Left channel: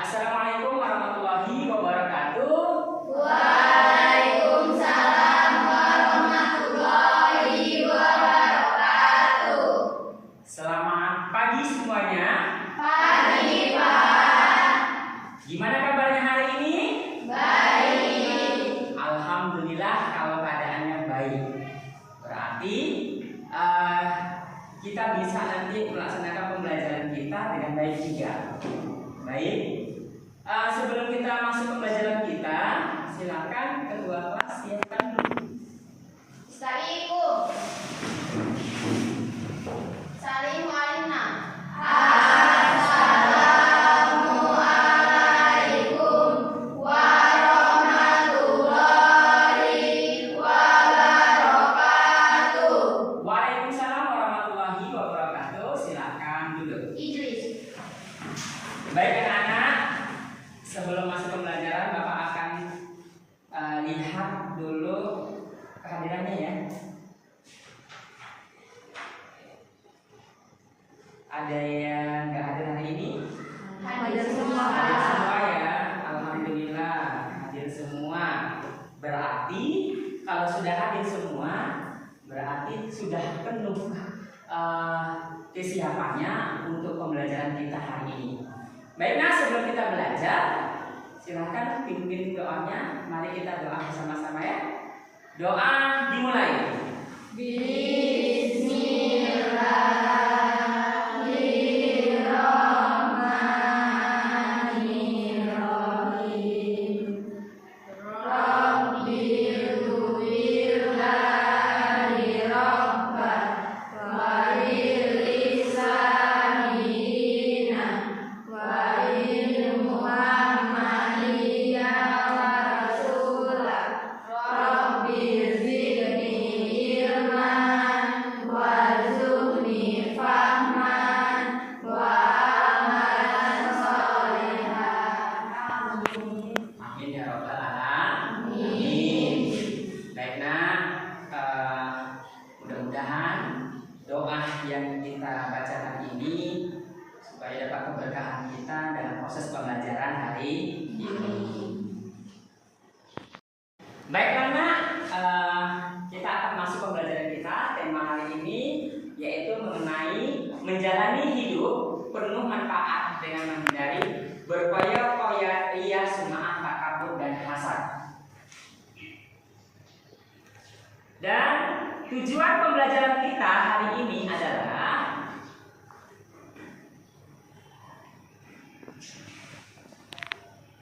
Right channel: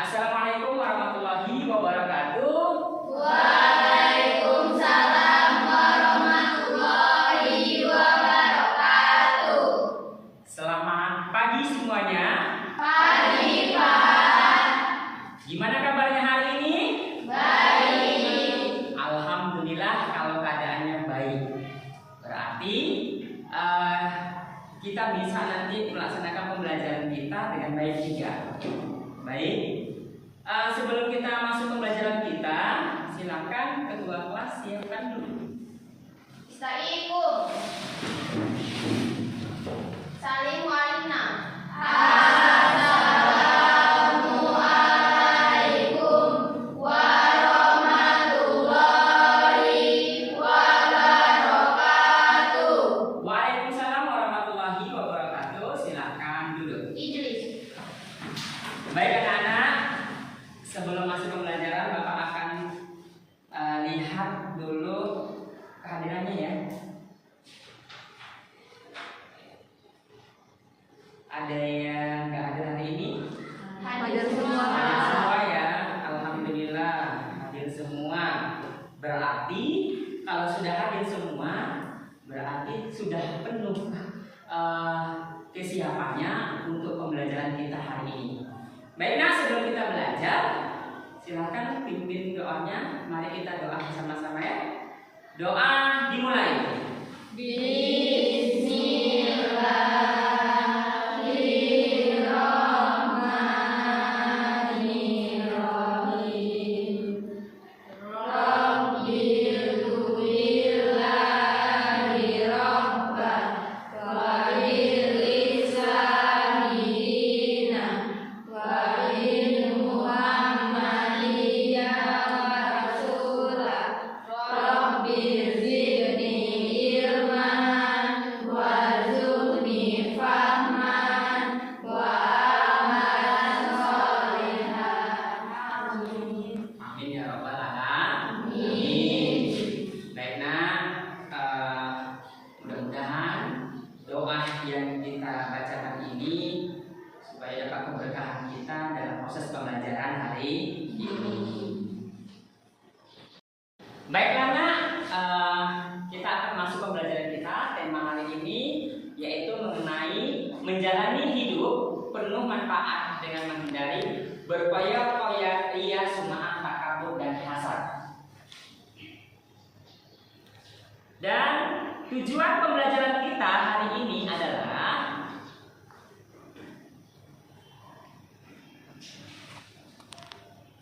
Assalamualaikum warahmatullahi wabarakatuh. Waalaikumsalam warahmatullahi wabarakatuh. Selamat pagi semuanya. Pagi, Pak. Gimana kabarnya hari ini? Baik. Alhamdulillah kalau keadaannya baik. Berarti kita bisa nanti melaksanakan pembelajaran kita dengan baik juga. Baik. Sebelum kita masuk pembelajaran kita, silakan ketua kelas siapkan dulu. Istaikum. Salim walina. Assalamualaikum warahmatullahi wabarakatuh. Waalaikumsalam warahmatullahi wabarakatuh. Silakan duduk. Idris. Baik anak-anak, sebelum masuk pembelajaran Bapak akan lihat dulu kehadirannya ya. Ada yang nggak hadir hari ini? Hadir semua. Hadir semua ya, alhamdulillah hadir semua. Berarti kalau sudah hadir semua, berarti sudah penuh kesiapannya untuk pembelajaran kita hari ini. Baik, nah sebelum kita belajar, silakan pimpin doanya. Mari kita doa bersama-sama ya. Doa dimulai. Bismillahirrahmanirrahim. Rabbil tuwirlani rabbah walil lisani dina walil muhammadiyya wa rasulah rabbil zidni ilman warzuqni fahman wa amalan sholihan. Amin. Amin ya robbal alamin. Baik, nah mudah-mudahan doa yang kita baca hari ini supaya dapat keberkahan kita dalam proses pembelajaran hari ini. Baik anak, kita akan masuk pembelajaran kita. Tema hari ini yaitu mengenai menjalani hidup penuh manfaat dengan menghindari berkoya-koya, ria, sum'ah, takabur, dan hasad. Dan tujuan pembelajaran kita hari ini adalah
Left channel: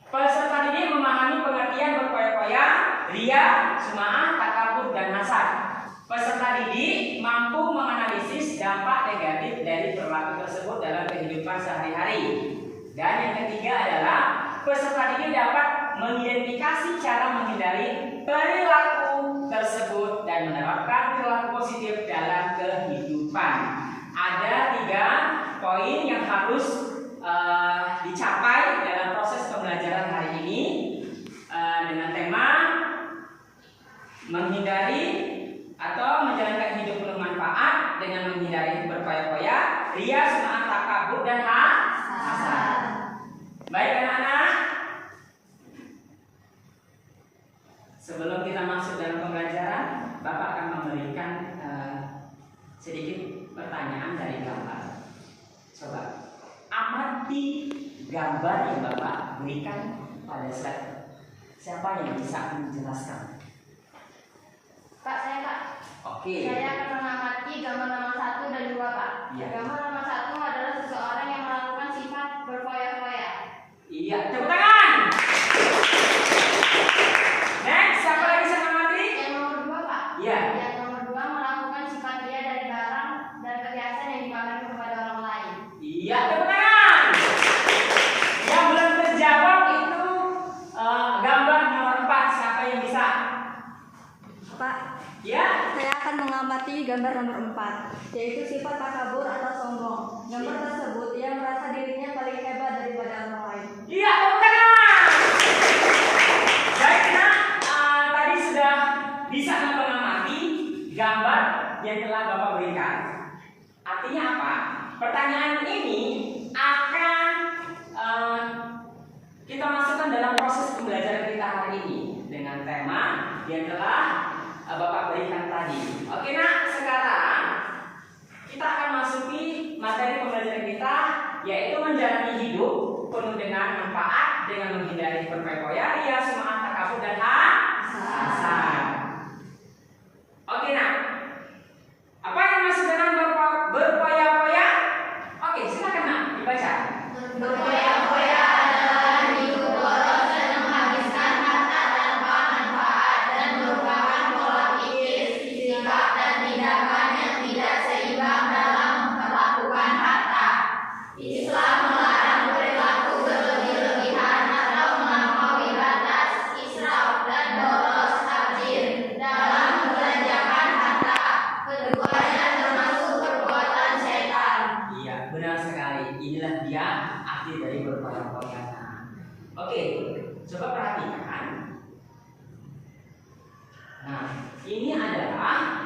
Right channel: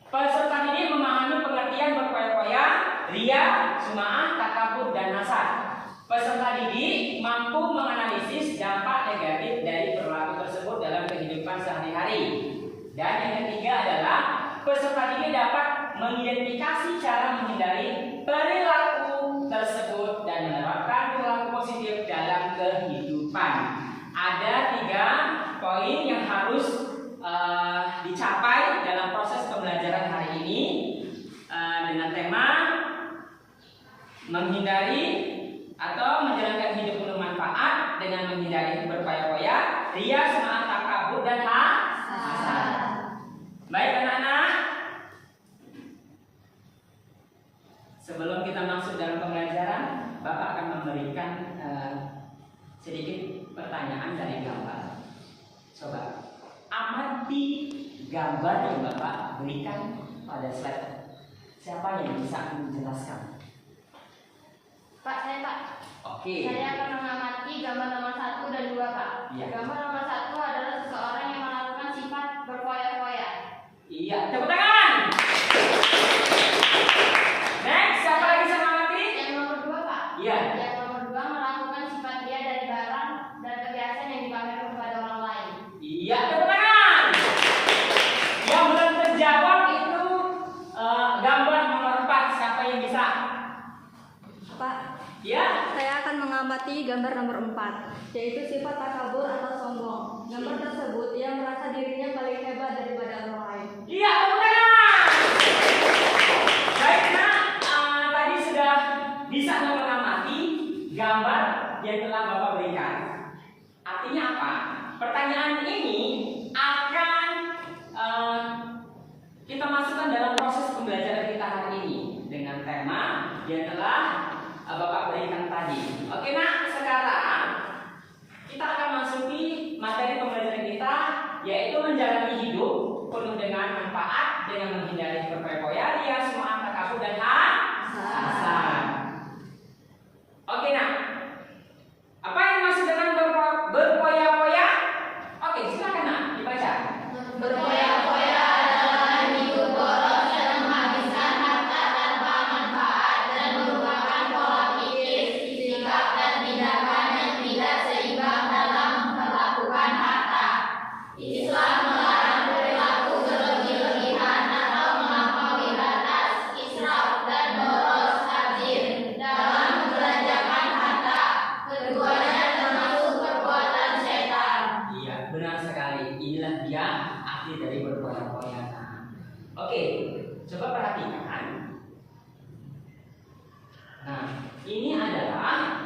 peserta didik memahami pengertian berkoya-koya, ria, sum'ah, takabur, dan hasad. Peserta didik mampu menganalisis dampak negatif dari perilaku tersebut dalam kehidupan sehari-hari. Dan yang ketiga adalah peserta didik dapat mengidentifikasi cara menghindari perilaku tersebut dan menerapkan perilaku positif dalam kehidupan. Ada 3 poin yang harus dicapai dalam proses pembelajaran hari ini dengan tema menghindari atau menjalankan hidup penuh manfaat dengan menghindari berkoya-koya, ria, sum'ah, takabur, dan hasad. Baik anak-anak, sebelum kita masuk dalam pembelajaran, Bapak akan memberikan sedikit pertanyaan dari gambar. Coba amati gambar yang Bapak berikan pada slide. Siapa yang bisa menjelaskan? Pak, saya Pak. Oke. Saya akan mengamati gambar nomor 1 dan 2 Pak. Iya. Gambar nomor 1 adalah seseorang yang melakukan sifat berkoya-koya. Iya, tepuk tangan. Next, siapa yang bisa mengamati? Yang nomor 2 Pak. Iya. Yang nomor 2 melakukan sifat ria dari barang dan perhiasan yang dipamerkan kepada orang lain. Iya, tepuk tangan. Yang belum terjawab itu gambar nomor 4. Siapa yang bisa? Pak, Ya. saya akan mengamati gambar nomor 4, yaitu sifat takabur atau sombong. Gambar tersebut ia merasa dirinya paling hebat daripada orang lain. Iya, tepuk tangan. Baik, nah, tadi sudah bisa mengamati gambar yang telah Bapak berikan. Artinya apa? Pertanyaan ini akan menjalani hidup penuh dengan manfaat dengan menghindari berfoya-foya, ria, sum'ah, takabur dan hasad. Oke, nah, apa yang masuk dengan berfoya-foya? Oke, silakan nak dibaca. Berfoya-foya adalah hidup boros dan menghabiskan harta tanpa manfaat dan merupakan pola pikir, sikap dan tindakan yang tidak seimbang dalam melakukan harta. Islam melarang perilaku berlebih-lebihan atau melampaui batas, israf dan boros tajir dalam membelanjakan harta. Keduanya termasuk perbuatan setan. Iya, benar sekali. Inilah dia arti dari berfoya-foya. Oke, coba perhatikan. Nah, ini adalah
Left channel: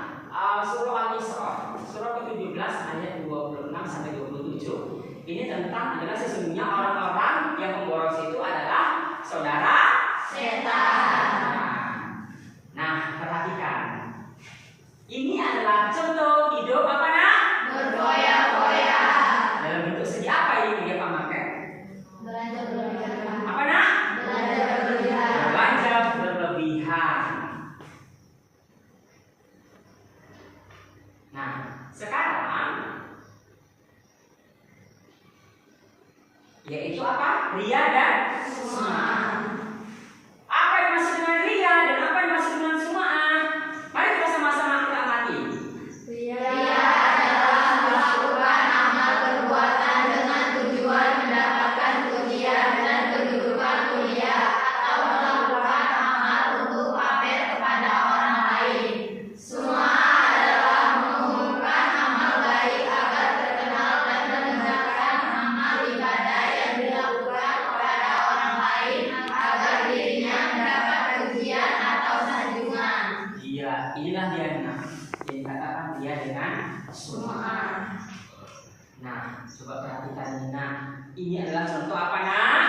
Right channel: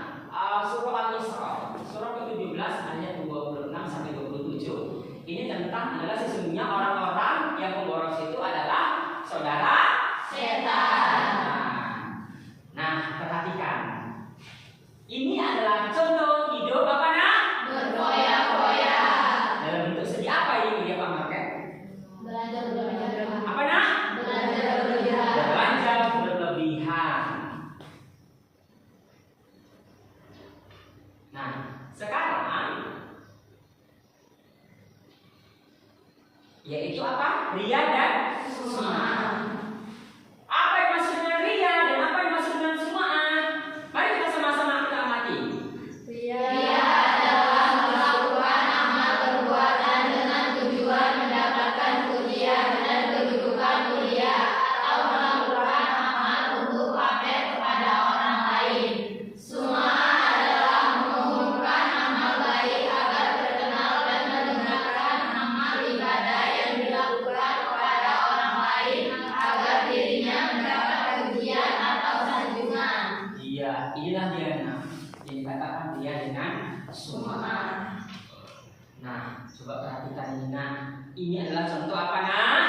surah Al-Isra, surah ke-17 ayat 26 sampai 27. Ini tentang adalah sesungguhnya orang-orang yang memboros itu adalah saudara Setan. Nah, perhatikan. Ini adalah contoh hidup apa nak? Berfoya-foya. Dalam bentuk segi apa ini dia pamerkan? Belanja berlebihan. Apa nak? Belanja berlebihan. Belanja berlebihan. Nah, sekarang yaitu apa? Ria dan sum'ah. Apa yang dimaksud dengan ria dan apa yang dimaksud dengan sum'ah? Mari kita sama-sama kita amati. Ria adalah melakukan amal perbuatan dengan tujuan mendapatkan pujian dan kedudukan mulia atau melakukan amal untuk pamer kepada orang lain. Sum'ah adalah mengumumkan amal baik agar terkenal dan mendengarkan amal ibadah yang dilakukan kepada orang lain agar dirinya mendapat pujian atau sanjungan. Iya, inilah dia nah, yang dikatakan dia dengan sum'ah. Nah, coba perhatikan ini. Nah, ini adalah contoh apa nak?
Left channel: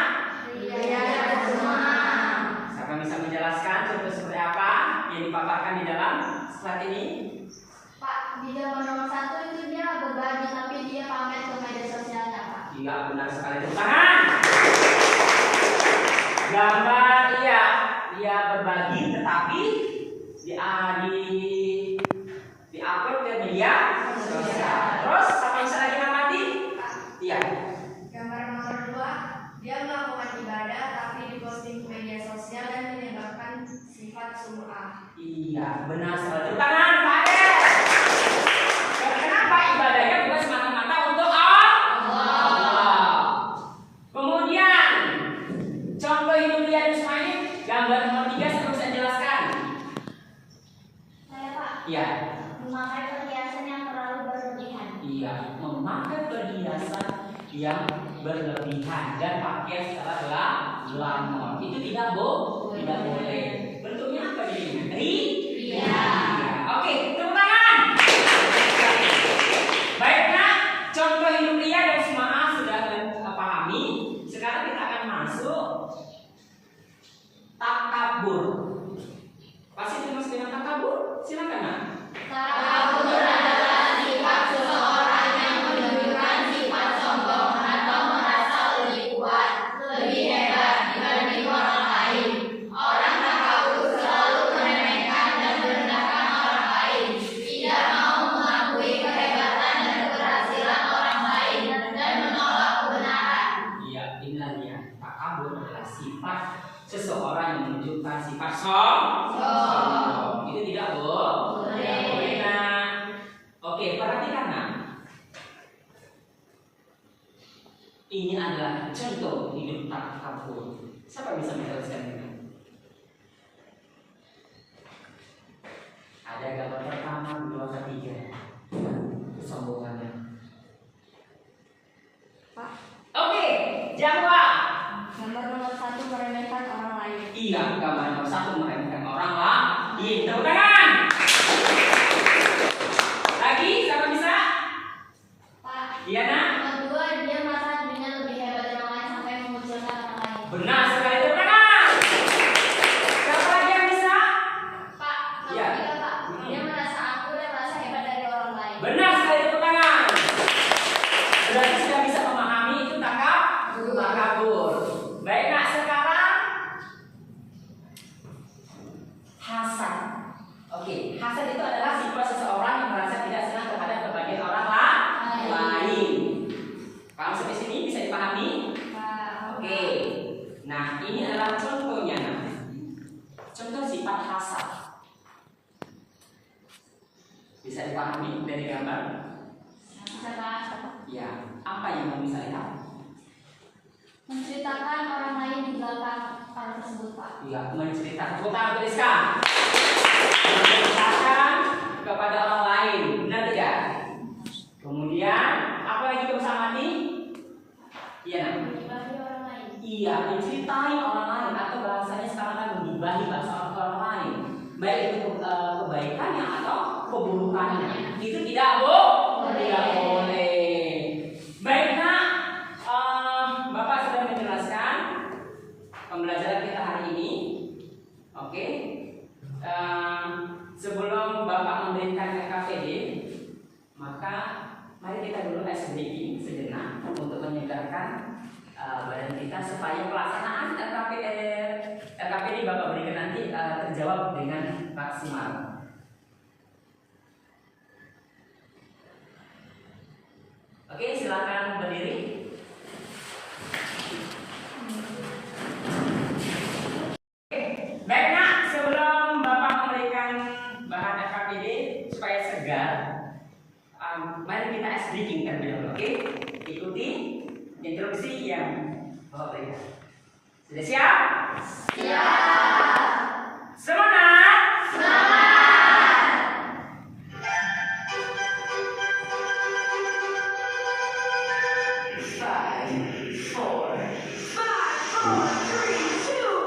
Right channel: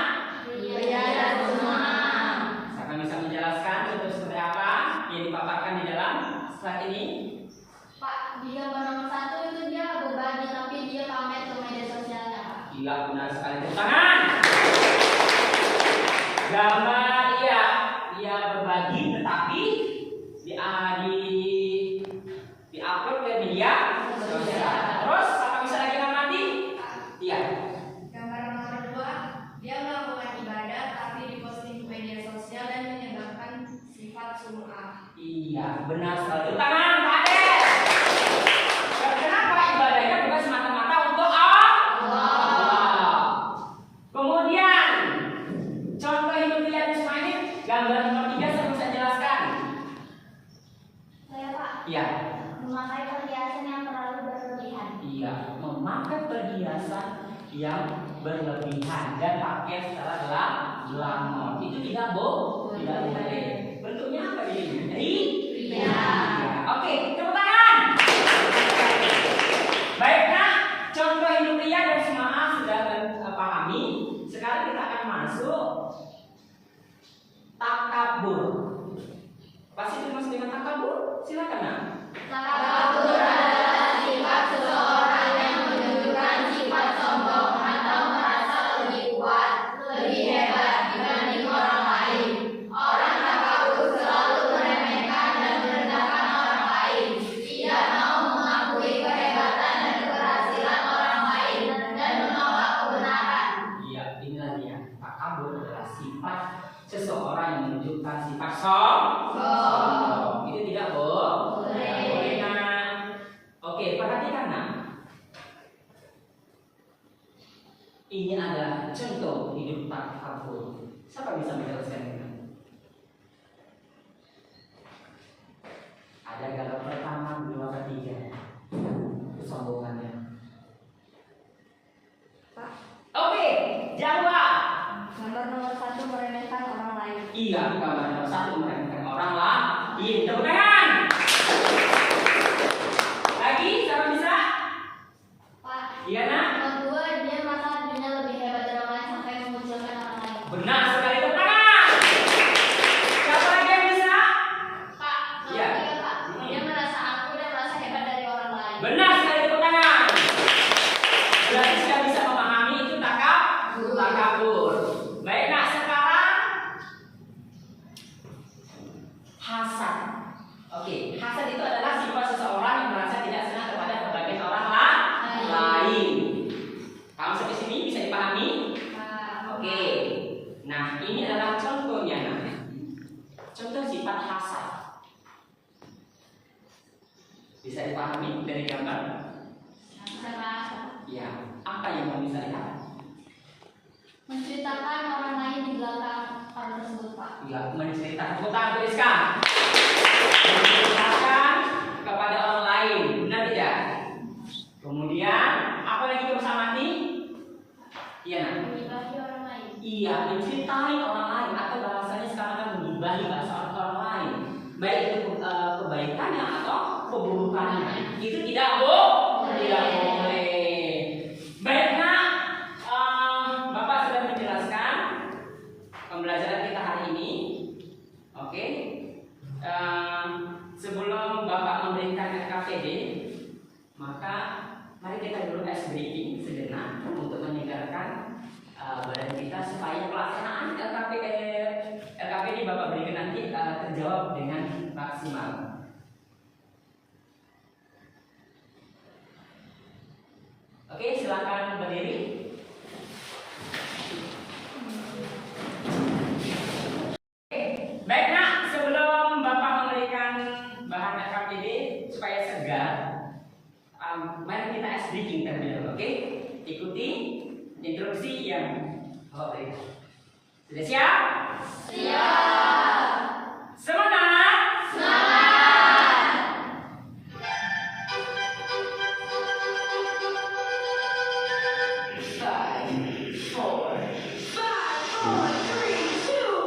Ria dan sum'ah. Saya bisa menjelaskan contoh seperti apa yang dipaparkan di dalam slide ini. Pak, di gambar nomor 1 itu dia berbagi tapi dia pamer ke media sosialnya, Pak. Iya, benar sekali. Tepuk tangan. Gambar ia berbagi tetapi di upload ke media sosial. Terus apa yang bisa lagi amati? Iya. Gambar nomor 2, dia melakukan ibadah tapi diposting ke media sosial dan menyebabkan sifat sum'ah. Iya, benar sekali. Tepuk tangan, Pak Ade. Kenapa ibadahnya bukan semata-mata untuk Allah? Kemudian contoh hidup dia Ismail, gambar nomor 3 saya bisa jelaskan. Saya, Pak, Iya. memakai perhiasan yang terlalu berlebihan. Iya, memakai perhiasan yang berlebihan dan pakai secara glamor itu tidak boleh. Bentuknya apa ini? Ria. Oke, tepuk tangan. Baik nak, contoh hidup ria dan sum'ah sudah pahami. Sekarang kita akan masuk takabur. Pasti termasuk dengan takabur? Silakan nak. Takabur adalah sifat seseorang yang menunjukkan sifat sombong atau merasa lebih kuat, lebih hebat dibanding orang lain. Orang takabur selalu meremehkan dan merendahkan orang lain, tidak mau mengakui kehebatan dan keberhasilan orang lain, dan menolak kebenaran. Iya, inilah dia. Takabur adalah sifat seseorang yang menunjukkan sifat sombong. Itu tidak boleh. Nah, oke, perhatikan nak. Ini adalah contoh hidup takabur. Siapa yang bisa menjelaskan ini? Ada gambar pertama, kedua, ketiga. Kesombongannya. Oke, jawab. Gambar nomor 1 meremehkan orang lain. Iya, gambar nomor 1 meremehkan orang lain. Tepuk tangan. Lagi, siapa bisa? Pak, Iya nak. kedua, dia merasa dirinya lebih hebat dari orang lain sampai mengucilkan orang lain. Benar sekali, tepuk tangan. Siapa lagi yang bisa? Pak, nomor Iya. 3, Pak, dia merasa aku dan merasa hebat dari orang lain. Benar sekali, tepuk tangan. Berarti sudah bisa memahami itu takabur. takabur. Baik nak, sekarang hasad. Oke, hasad itu adalah sifat seseorang yang merasa tidak senang kepada kebahagiaan orang lain. Kalau sampai sini bisa dipahami? Oke. Nah, ini adalah contohnya. Nah, contoh sifat hasad. Bisa dipahami dari gambar? Ya, apa yang mau bisa lihat? Menceritakan orang lain di belakang orang tersebut, Pak. Ya, menceritakan. Kita tuliskan. Menceritakan kepada orang lain, benar tidak? Kemudian, apa lagi kamu amati? Iya, nah. Mengibahi orang lain. Iya, menceritai orang lain atau bahasanya sekarang kan mengibahi bahasa orang lain. Baik itu kebaikannya atau keburukannya. Itu tidak tidak boleh. Baik nak, Bapak sudah menjelaskan pembelajaran kita hari ini. Oke. Sebelum Bapak memberikan LKPD, maka mari kita dulu ice breaking sejenak untuk menyegarkan badan kita supaya pelaksanaan LKPD Bapak berikan nanti terjawab dengan maksimal. Oke, silakan berdiri. Baik nak, sebelum Bapak memberikan bahan LKPD supaya segar, mari kita ice breaking terlebih dahulu. Oke, ikuti instruksi yang Bapak berikan. Sudah siap? Siap. Semangat! Semangat. 5, 4, 3, 2.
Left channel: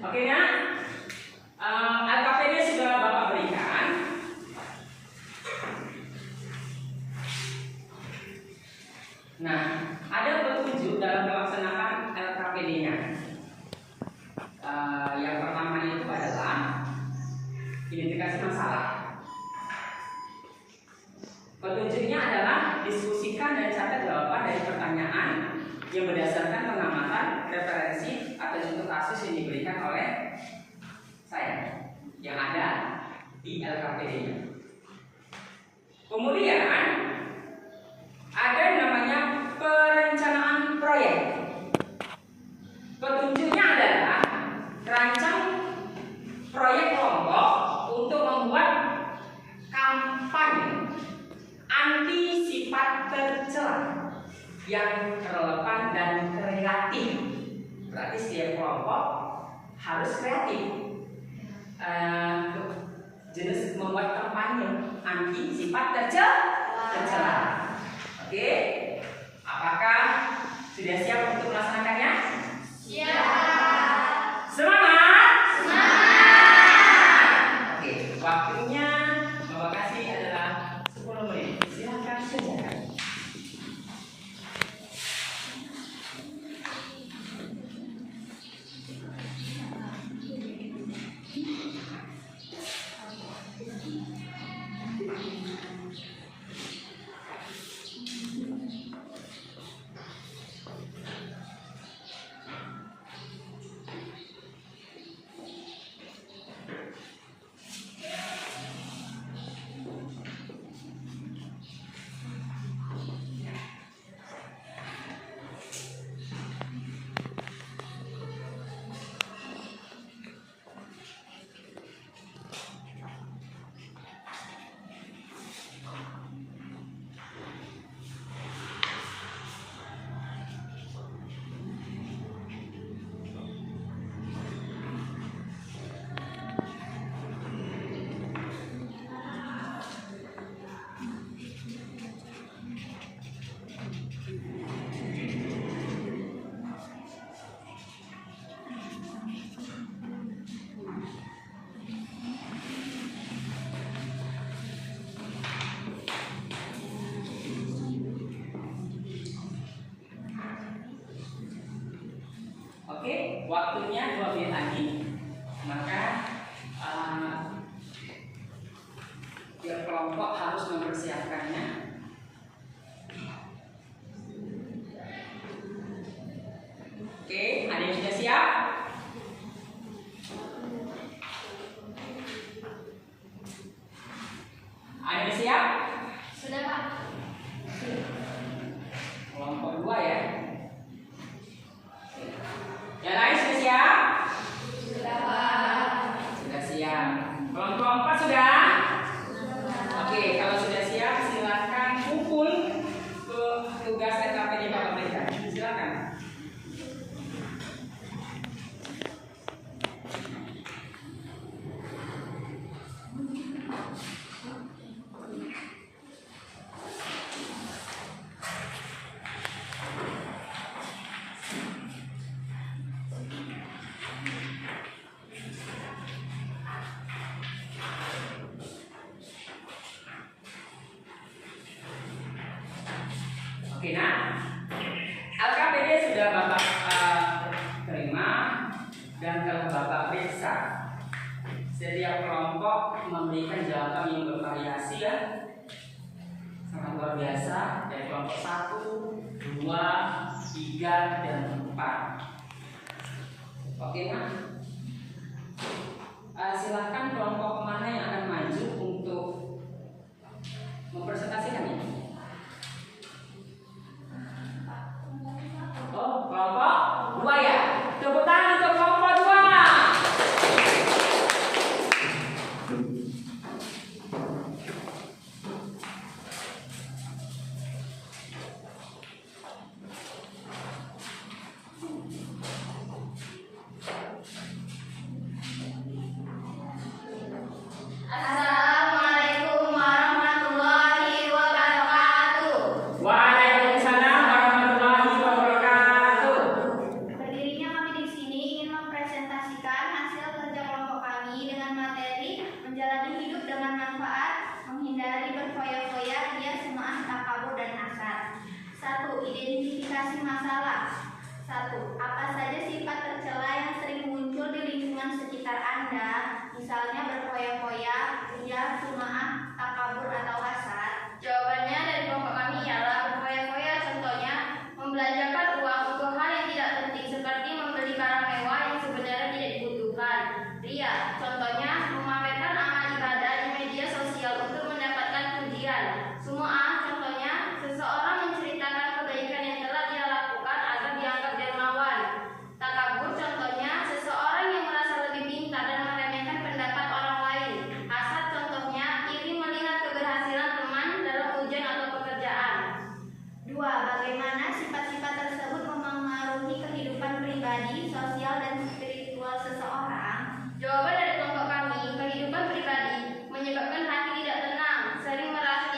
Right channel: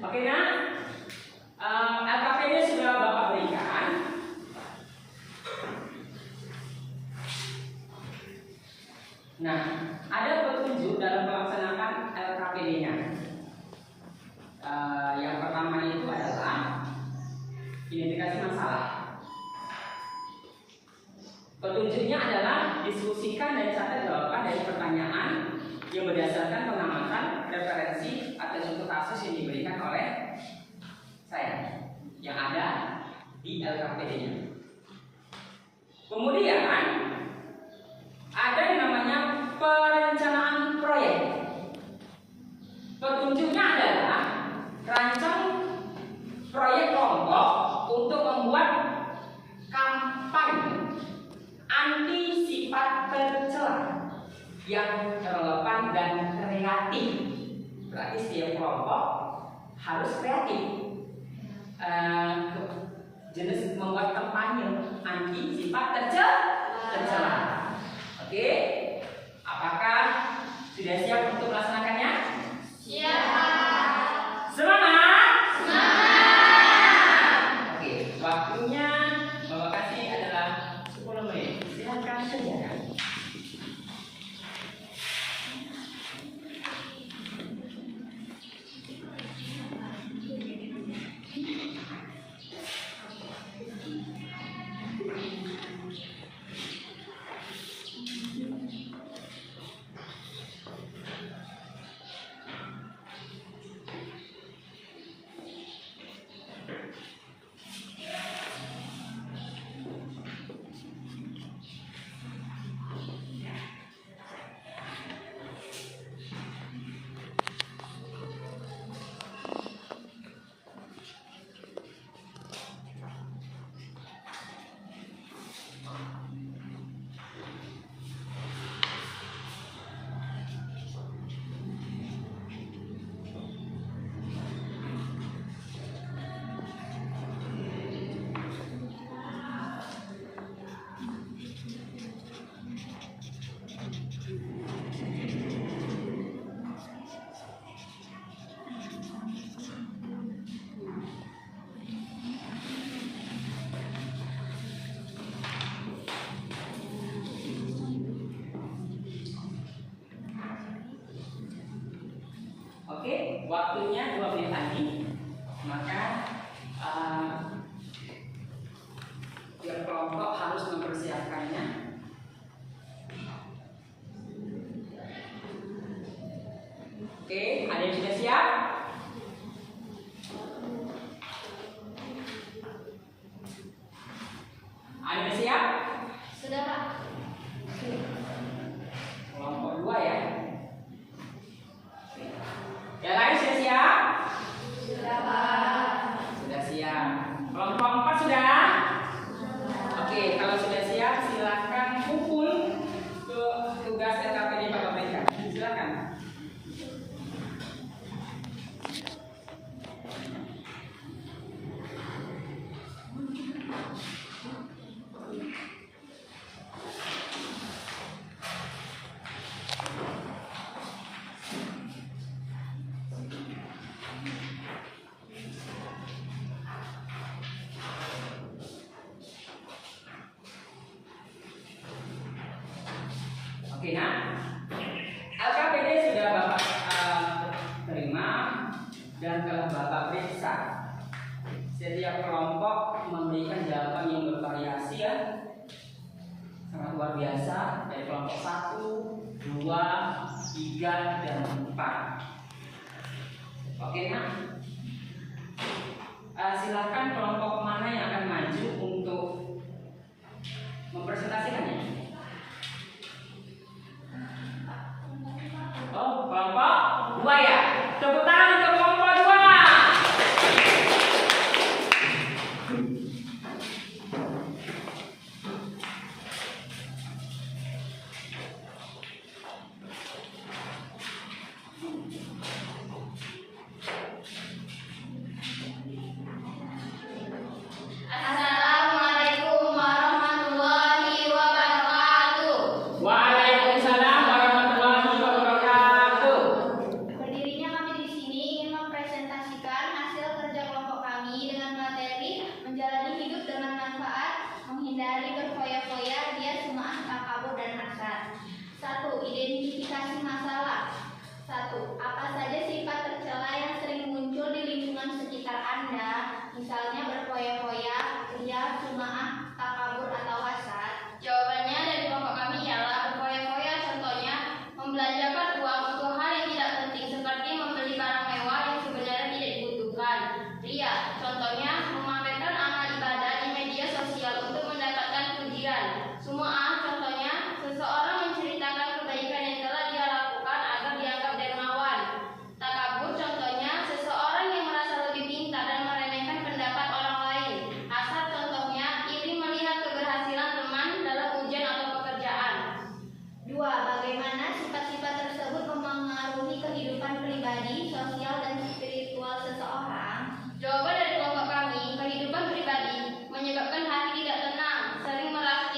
Oke kan? LKPD sudah Bapak berikan. Nah, ada petunjuk dalam pelaksanaan LKPD-nya. Yang pertama itu adalah identifikasi masalah. Petunjuknya adalah diskusikan dan catat jawaban dari pertanyaan yang berdasarkan pengamatan, referensi atau contoh kasus yang diberikan oleh saya yang ada di LKPD-nya. Kemudian ada yang namanya perencanaan proyek. Petunjuknya adalah rancang proyek kelompok untuk membuat kampanye anti sifat tercela yang relevan dan kreatif. Berarti setiap kelompok harus kreatif. sifat tercela. Oke, apakah sudah siap untuk melaksanakannya? Semangat! Oke, waktunya Bapak kasih adalah 10 menit. Silakan kerjakan. Oke, waktunya 2 menit lagi. Maka tiap kelompok harus mempersiapkannya. Oke, ada yang sudah siap? Ada yang siap? Sudah, Pak. Kelompok 2 ya. Yang lain sudah siap? Sudah, Pak. Sudah siap. Kelompok 4 sudah? Oke, kalau sudah siap silakan kumpul ke tugas TKP di Bapak berikan. Silakan. Oke, nah, LKPD sudah Bapak terima dan telah Bapak periksa. Setiap kelompok memberikan jawaban yang bervariasi ya, sangat luar biasa, dari kelompok 1, 2, 3, dan 4. Oke, nah, silahkan kelompok mana yang akan maju untuk mempresentasikannya. Oh, kelompok 2 ya. Tepuk tangan untuk kelompok 2. Assalamualaikum warahmatullahi wabarakatuh. Waalaikumsalam warahmatullahi wabarakatuh. Berdirinya kami di sini ingin mempresentasikan hasil kerja kelompok kami dengan materi menjalani hidup dengan manfaat, menghindari berfoya-foya, riya, sum'ah, takabur, dan hasad. 1. Identifikasi masalah. 1. Apa saja sifat tercela yang sering muncul di lingkungan sekitar Anda, misalnya berfoya-foya, riya, sum'ah, takabur, atau hasad? Jawabannya dari kelompok kami ialah berfoya-foya, contohnya membelanjakan uang untuk hal yang tidak penting seperti membeli barang mewah yang sebenarnya tidak dibutuhkan. Riya, contohnya memamerkan amal ibadah di media sosial untuk mendapatkan pujian. Sum'ah, contohnya seseorang menceritakan kebaikan yang telah dia lakukan agar dianggap dermawan. Takabur, contohnya seseorang yang merasa lebih pintar dan meremehkan pendapat orang lain. Hasad, contohnya iri melihat keberhasilan teman dalam ujian atau pekerjaan. 2. Bagaimana sifat-sifat tersebut memengaruhi kehidupan pribadi, sosial, dan spiritual seseorang? Jawaban dari kelompok kami, kehidupan pribadi menyebabkan hati tidak tenang, sering merasa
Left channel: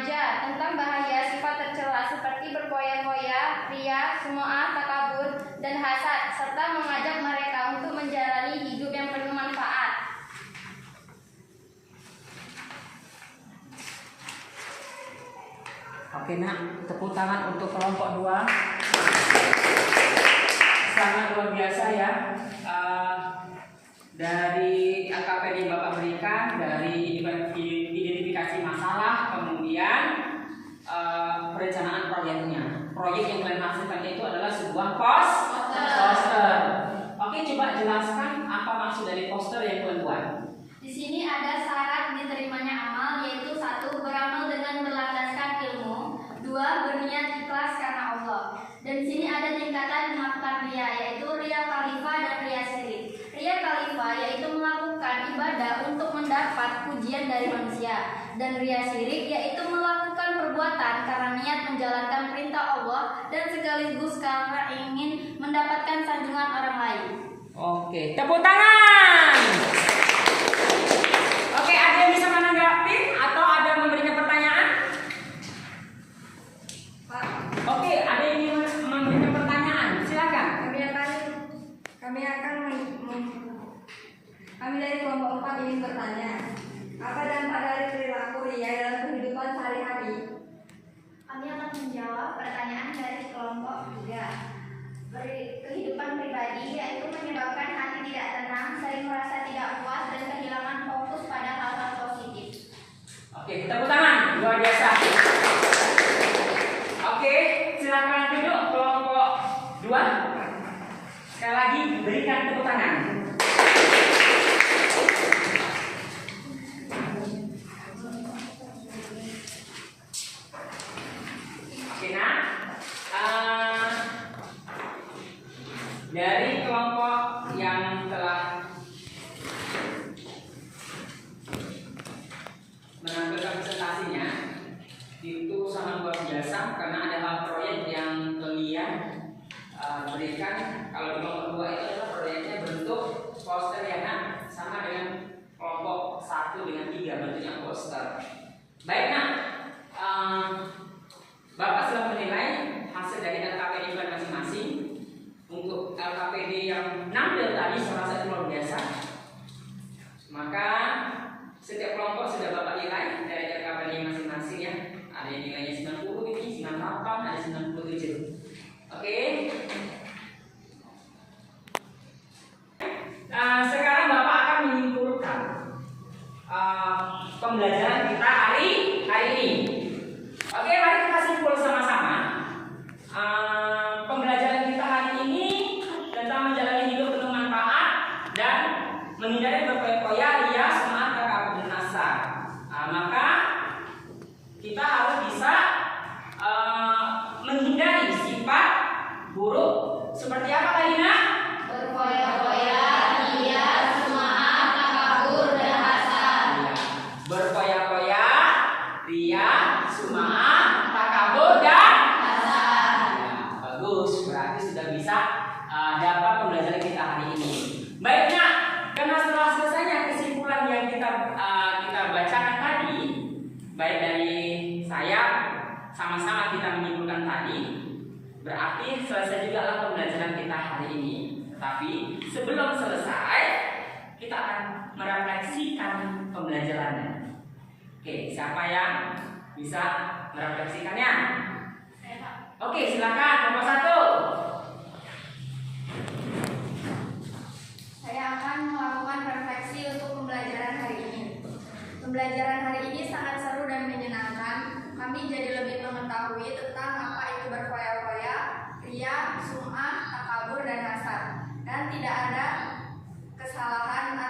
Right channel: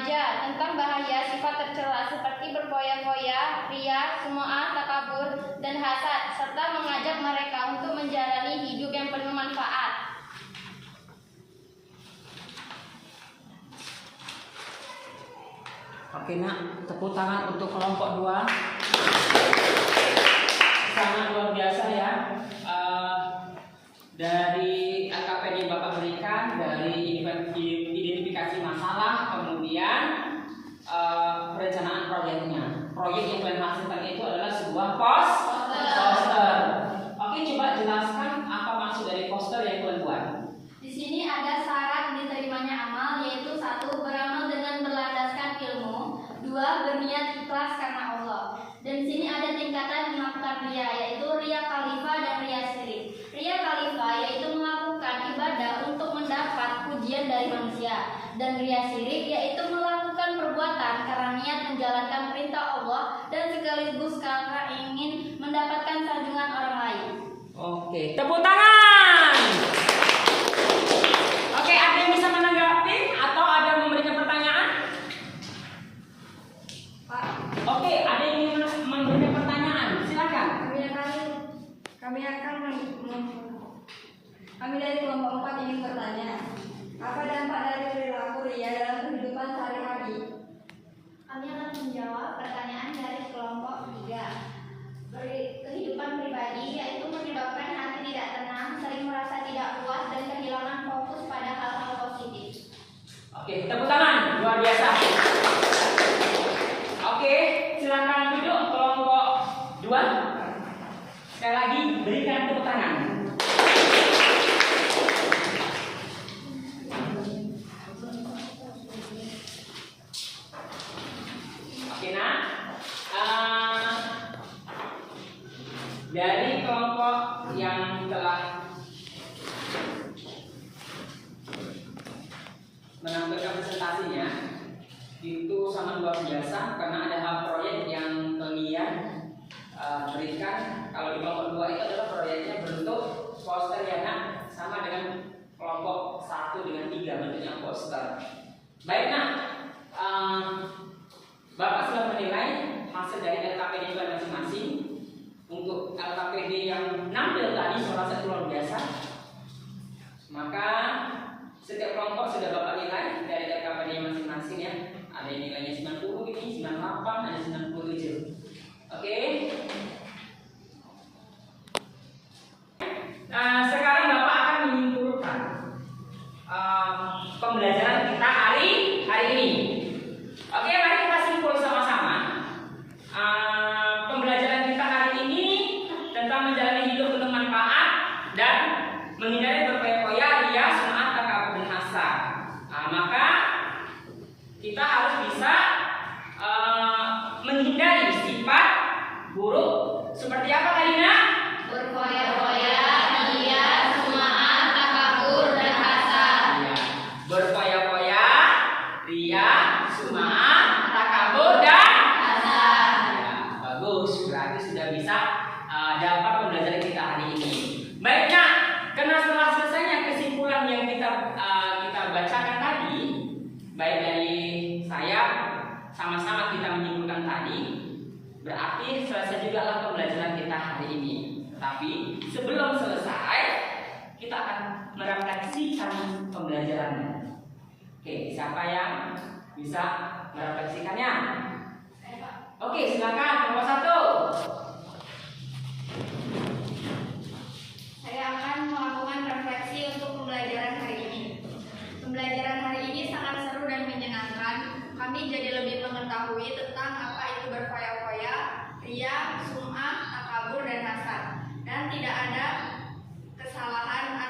remaja tentang bahaya sifat tercela seperti berfoya-foya, ria, sum'ah, takabur, dan hasad, serta mengajak mereka untuk menjalani hidup yang penuh manfaat. Oke nak, tepuk tangan untuk kelompok 2. Sangat luar biasa ya. Dari LKPD yang Bapak berikan, dari identifikasi masalah, kemudian perencanaan proyeknya. Proyek yang kalian hasilkan itu adalah sebuah poster. Oke, coba jelaskan apa maksud dari poster yang kalian buat. Di sini ada syarat diterimanya amal, yaitu 1. Beramal dengan berlandaskan ilmu, 2. Berniat ikhlas karena Allah. Dan di sini ada tingkatan melakukan ria, yaitu ria khalifah dan ria syirik. Ria khalifah yaitu melakukan ibadah untuk mendapat pujian dari manusia, dan ria syirik yaitu melakukan perbuatan karena niat menjalankan perintah Allah dan sekaligus karena ingin mendapatkan sanjungan orang lain. Oke, tepuk tangan. Oke, ada yang bisa menanggapi atau ada memberikan pertanyaan? Pak, Oke, ada yang ingin memberikan pertanyaan? Silakan. kami dari kelompok 4 ingin bertanya, apa dampak dari perilaku ria dalam kehidupan sehari-hari? Kami akan menjawab pertanyaan dari kelompok 3. Kehidupan pribadi yaitu menyebabkan hati tidak tenang, sering merasa tidak puas, dan kehilangan fokus pada hal-hal positif. Oke, tepuk tangan. Luar biasa. Oke, silakan duduk kelompok 2. Sekali lagi berikan tepuk tangan. Oke, nah, dari kelompok yang telah menampilkan presentasinya itu sangat luar biasa karena ada hal proyek yang kalian berikan. Kalau di kelompok 2 itu adalah proyeknya bentuk poster ya nak, sama dengan kelompok 1 dengan 3 bentuknya poster. Baik nak, Bapak sudah menilai hasil dari LKPD masing-masing. Untuk LKPD yang nampil tadi saya rasa itu luar biasa. Maka setiap kelompok sudah Bapak nilai dari LKPD masing-masing ya. Ada yang nilainya 90 ini, 98, ada 97. Oke. Sekarang Bapak akan menyimpulkan pembelajaran kita hari ini. Oke, mari kita simpul sama-sama. Pembelajaran kita hari ini tentang menjalani hidup penuh manfaat dan menghindari berfoya-foya, ria, sum'ah, takabur, dan hasad. Maka kita harus bisa menghindari sifat buruk seperti apa tadi nak? Berfoya-foya, ria, sum'ah, takabur, dan hasad. Berfoya-foya, ria, sum'ah, takabur, dan Hasad. ya, bagus, berarti sudah bisa dapat pembelajaran kita hari ini. Baik nak, karena setelah selesainya kesimpulan yang kita bacakan tadi, baik dari saya sama-sama kita menyimpulkan tadi, berarti selesai juga lah pembelajaran kita hari ini. Tapi sebelum selesai, kita akan merefleksikan pembelajarannya. Oke, siapa yang bisa merefleksikannya? Oke, silakan nomor 1. Saya akan melakukan refleksi untuk pembelajaran hari ini. Pembelajaran hari ini sangat seru dan menyenangkan. Kami jadi lebih mengetahui tentang apa itu berfoya-foya, ria, sum'ah, takabur, dan hasad. Dan tidak ada kesalahan